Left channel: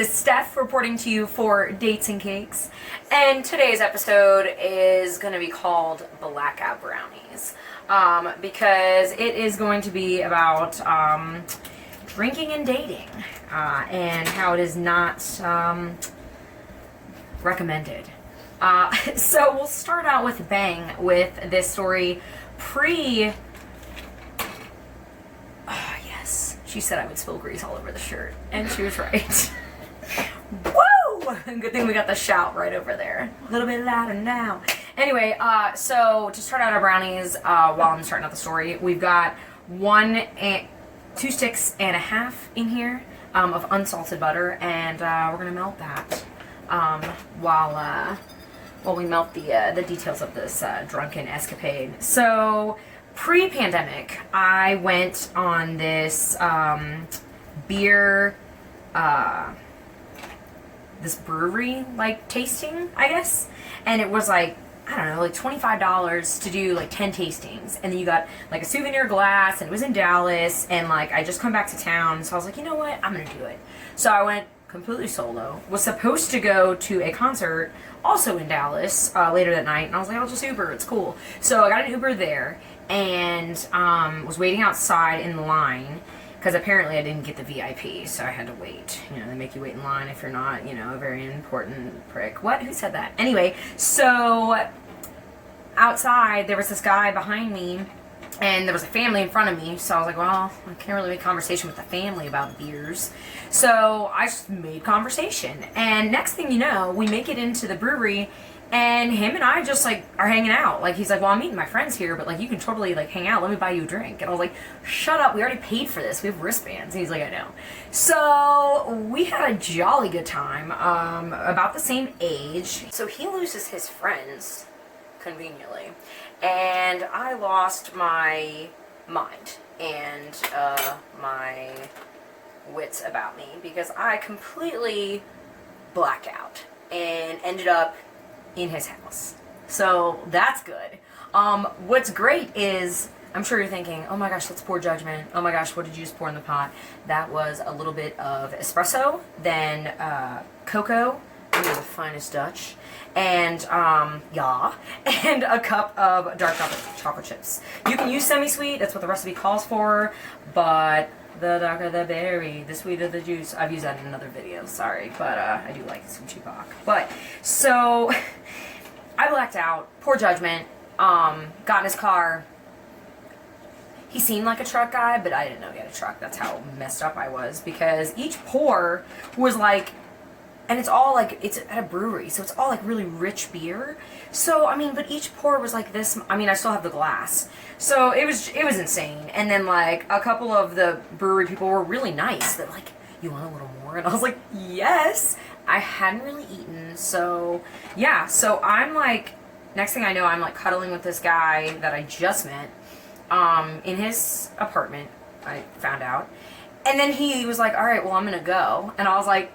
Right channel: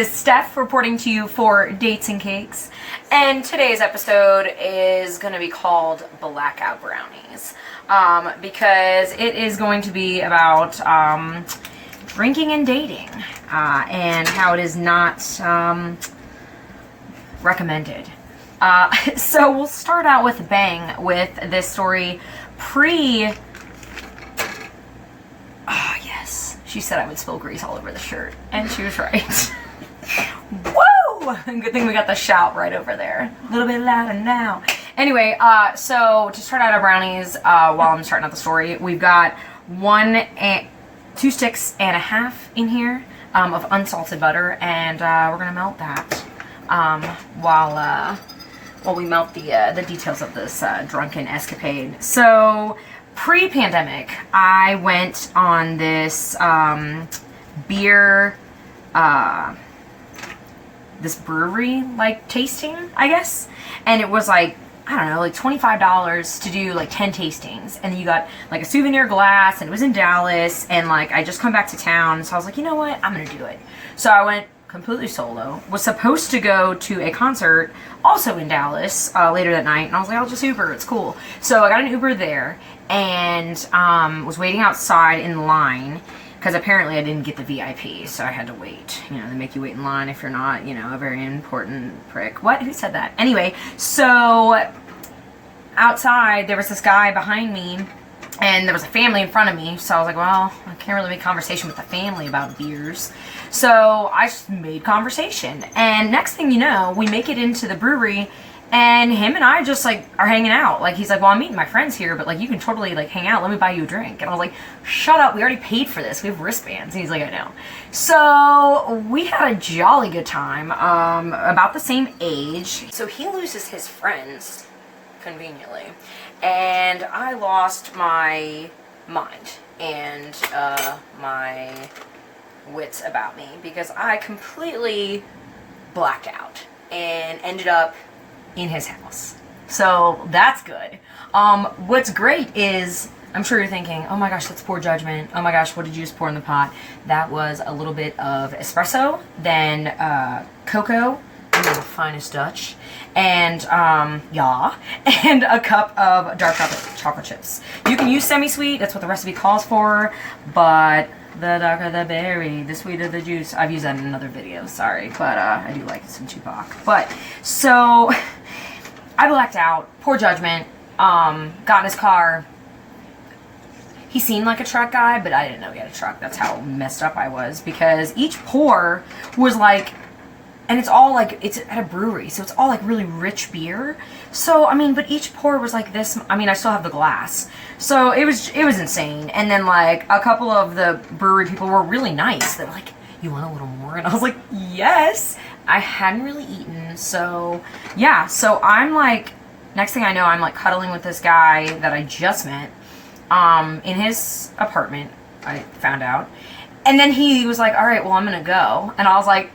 is Steph reporting to you for Dates and Cakes, and today's episode is going to be called Blackout Brownies, because it is going to be about drinking and dating, and how it is not recommended. So we'll start out with a bang with this story yes, she said I would spill grease all over the shirt, and she was right. Woo! Good thing we got the shout right over there. A little bit louder now. Anyway, so to start out our brownies, while I'm starting out the story, we've got 2 sticks and a half in here of unsalted butter, and we're gonna melt that while we melt the details of this drunken escapade. So pre-pandemic, I went on this beer, this brewery like tasting, I guess, and it was like, I don't know, like $25 to do like 10 tastings, and then you got like a souvenir glass, and it was in Dallas, and like I just come back to town, so I was like, you know what, I'm gonna do it. So I went completely solo. Was supposed to go to a concert also in Dallas later that night, and I was like, I'll just Uber, it's cool. So I got an Uber there, and was waiting outside in line, because apparently I didn't get the VIP, so I had to wait. You know, they make you wait in line if you're not, you know, a very important prick. What? Who said that? Anyway, so outside there was this guy behind me, and there was a family in front of me, so I was like, well, I can't really make conversation with the family about beers. So I just made conversation, and next thing you know, we make it into the brewery, and him and I just like are hanging out. Like, he's like, well, I'm meeting my friends here, but like you can totally like hang out, let me buy you a drink. And I was like, shut up, we already paid for this, we have wristbands. And he's like, I know. So we had a jolly good time, about the same age. So he loses his friends, conveniently, and I lost my mind and my wits about me, because I completely blacked out and ended up in his house. So that's good. What's great is, I'm sure you're thinking, oh my gosh, that's poor judgment. Oh my gosh, what did you just pour in the pot? That was a little bit of espresso, then cocoa, the finest Dutch, and and a cup of dark chocolate chips. You can use semi-sweet, that's what the recipe calls for, but the darker the berry, the sweeter the juice. I've used that in another video, sorry, but I do like some Tupac. But, so, I blacked out, poor judgment, got in his car. He seemed like a truck guy, but I didn't know he had a truck. That's how messed up I was, because each pour was like, and it's all like, it's at a brewery, so it's all like really rich beer. So, I mean, but each pour was like this. I mean, I still have the glass. So it was insane. And then like a couple of the brewery people were really nice. They were like, you want a little more? And I was like, yes. I hadn't really eaten. So yeah, so I'm like, next thing I know, I'm like cuddling with this guy that I just met in his apartment, I found out. And then he was like, all right, well, I'm gonna go. And I was like,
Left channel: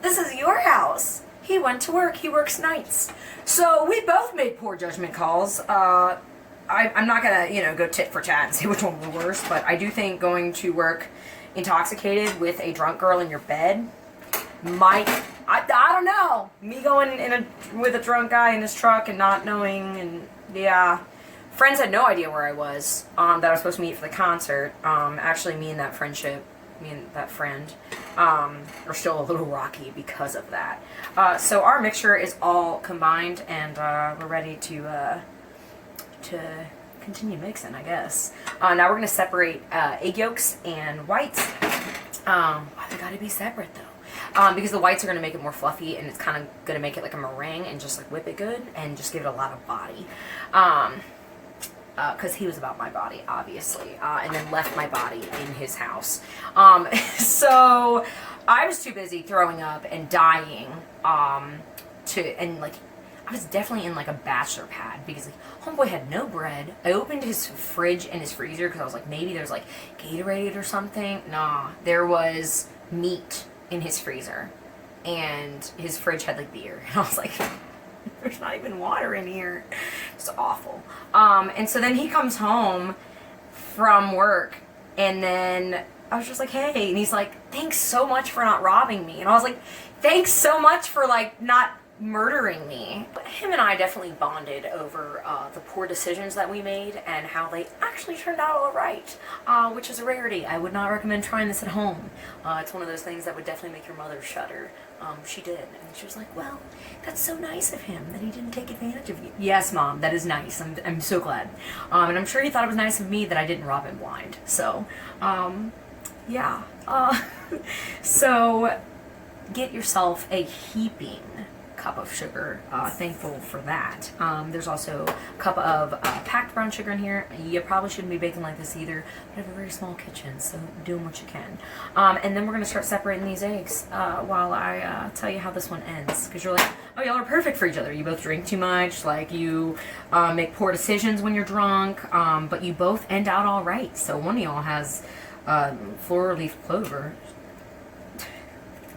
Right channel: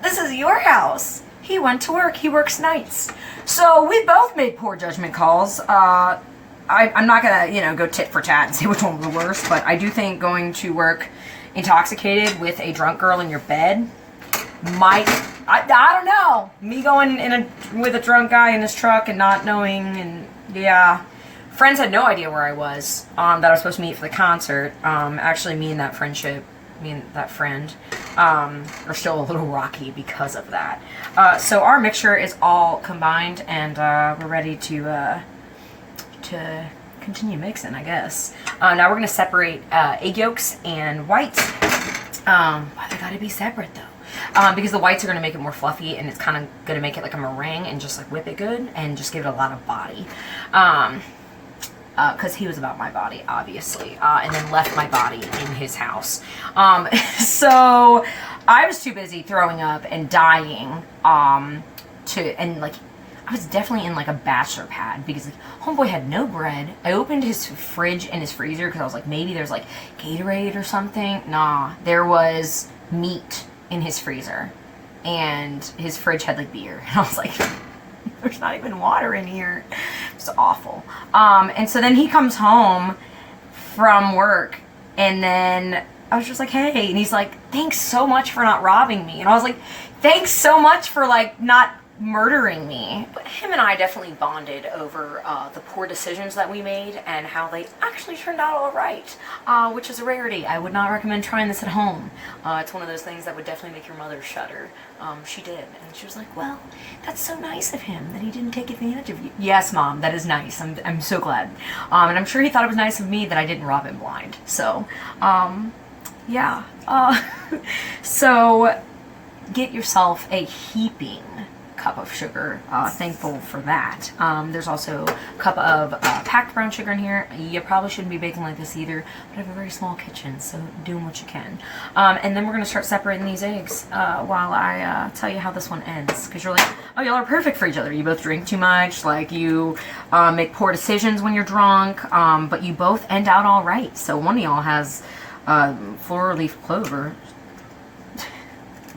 this is your house. He went to work. He works nights. So we both made poor judgment calls. I'm not going to, you know, go tit for tat and say which one was the worst, but I do think going to work intoxicated with a drunk girl in your bed might, I don't know. Me going with a drunk guy in his truck and not knowing, and yeah. Friends had no idea where I was, that I was supposed to meet for the concert. Actually, me and that friend are still a little rocky because of that. So our mixture is all combined, and we're ready to continue mixing, I guess. Now we're gonna separate egg yolks and whites. Why they gotta be separate though? Because the whites are gonna make it more fluffy, and it's kind of gonna make it like a meringue and just like whip it good and just give it a lot of body. Because he was about my body, obviously, and then left my body in his house. So I was too busy throwing up and dying, and like, I was definitely in like a bachelor pad, because like, homeboy had no bread. I opened his fridge and his freezer, because I was like, maybe there's like Gatorade or something. Nah, there was meat in his freezer, and his fridge had like beer, and I was like, there's not even water in here. It's awful. And so then he comes home from work, and then I was just like, hey, and he's like, thanks so much for not robbing me. And I was like, thanks so much for like not murdering me. But him and I definitely bonded over the poor decisions that we made and how they actually turned out all right, which is a rarity. I would not recommend trying this at home. It's one of those things that would definitely make your mother shudder. She did, and she was like, well, that's so nice of him that he didn't take advantage of you. Yes, Mom, that is nice. I'm so glad. And I'm sure he thought it was nice of me that I didn't rob him blind. So, yeah. So get yourself a heaping cup of sugar. Thankful for that. There's also a cup of packed brown sugar in here. You probably shouldn't be baking like this either, but I have a very small kitchen, so doing what you can. And then we're gonna start separating these eggs while I tell you how this one ends, because you're like, oh, y'all are perfect for each other. You both drink too much, like you make poor decisions when you're drunk, but you both end out all right. So one of y'all has four-leaf clover.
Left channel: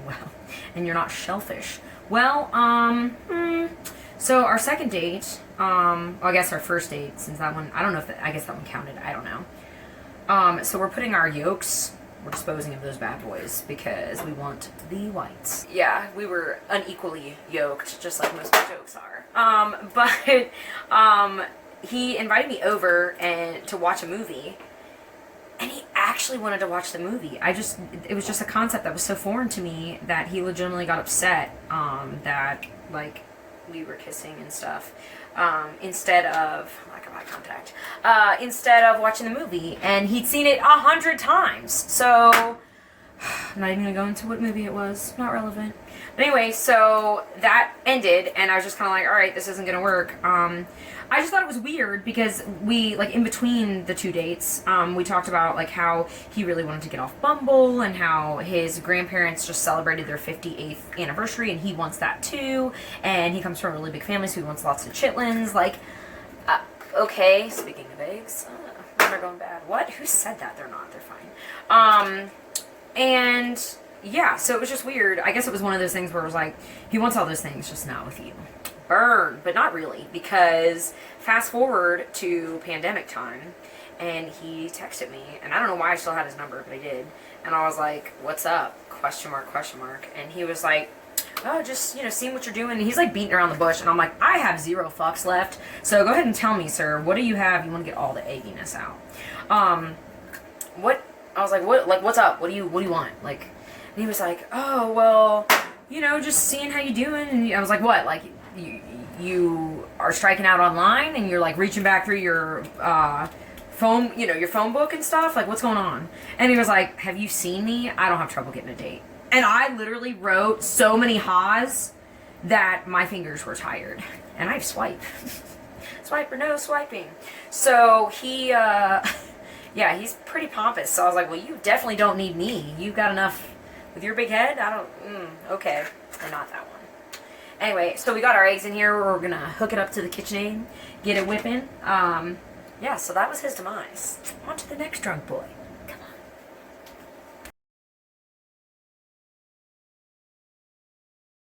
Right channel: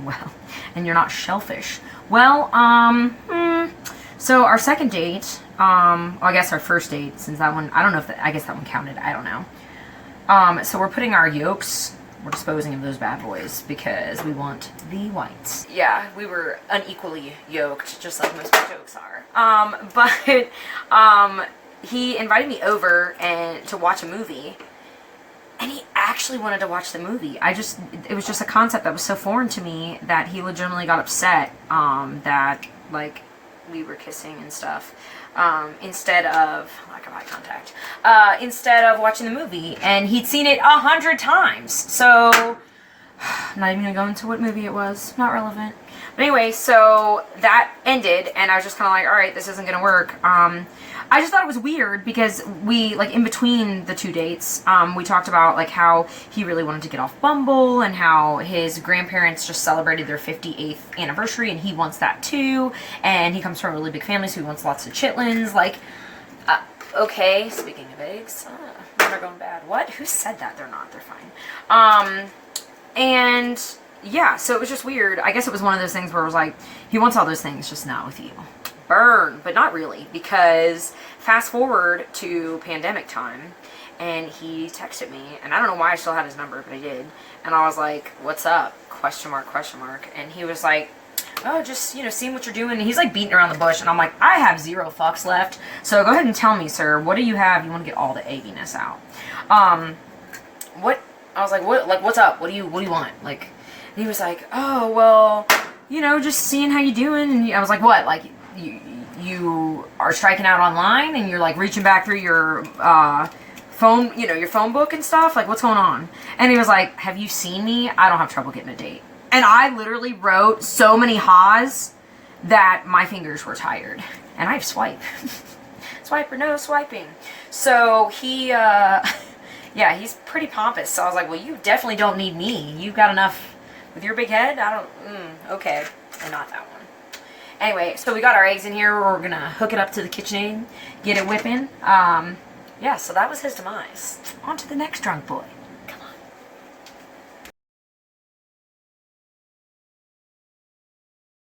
Well, and you're not shellfish. Well, so our second date, well, I guess our first date, since that one, I don't know if, I guess that one counted, I don't know. So we're putting our yolks, we're disposing of those bad boys because we want the whites. Yeah, we were unequally yolked, just like most jokes are. But he invited me over and to watch a movie. And he actually wanted to watch the movie. It was just a concept that was so foreign to me that he legitimately got upset that, like, we were kissing and stuff instead of, lack of eye contact, instead of watching the movie. And he'd seen it 100 times. So, I'm not even going to go into what movie it was. Not relevant. But anyway, so that ended, and I was just kind of like, all right, this isn't going to work. I just thought it was weird because we, like, in between the two dates, we talked about, like, how he really wanted to get off Bumble and how his grandparents just celebrated their 58th anniversary and he wants that too. And he comes from a really big family, so he wants lots of chitlins. Like, okay, speaking of eggs, they're going bad. What? Who said that? They're not. They're fine. And yeah, so it was just weird. I guess it was one of those things where it was like, he wants all those things, just not with you. Burn, but not really, because fast forward to pandemic time, and he texted me, and I don't know why I still had his number, but I did, and I was like, what's up, question mark, and he was like, oh, just, you know, seeing what you're doing, and he's like beating around the bush, and I'm like, I have 0 fucks left, so go ahead and tell me, sir, what do you have? You want to get all the egginess out. What, I was like, what, like, what's up, what do you want, like, and he was like, oh, well, you know, just seeing how you doing, and I was like, what, like, you are striking out online and you're like reaching back through your phone, you know, your phone book and stuff, like what's going on? And he was like, have you seen me? I don't have trouble getting a date. And I literally wrote so many ha's that my fingers were tired. And I swipe. Swipe or no swiping. So he yeah, he's pretty pompous. So I was like, well, you definitely don't need me. You've got enough with your big head. I don't okay. Or not that one. Anyway, so we got our eggs in here. We're going to hook it up to the KitchenAid, get it whipping. Yeah, so that was his demise. On to the next drunk boy.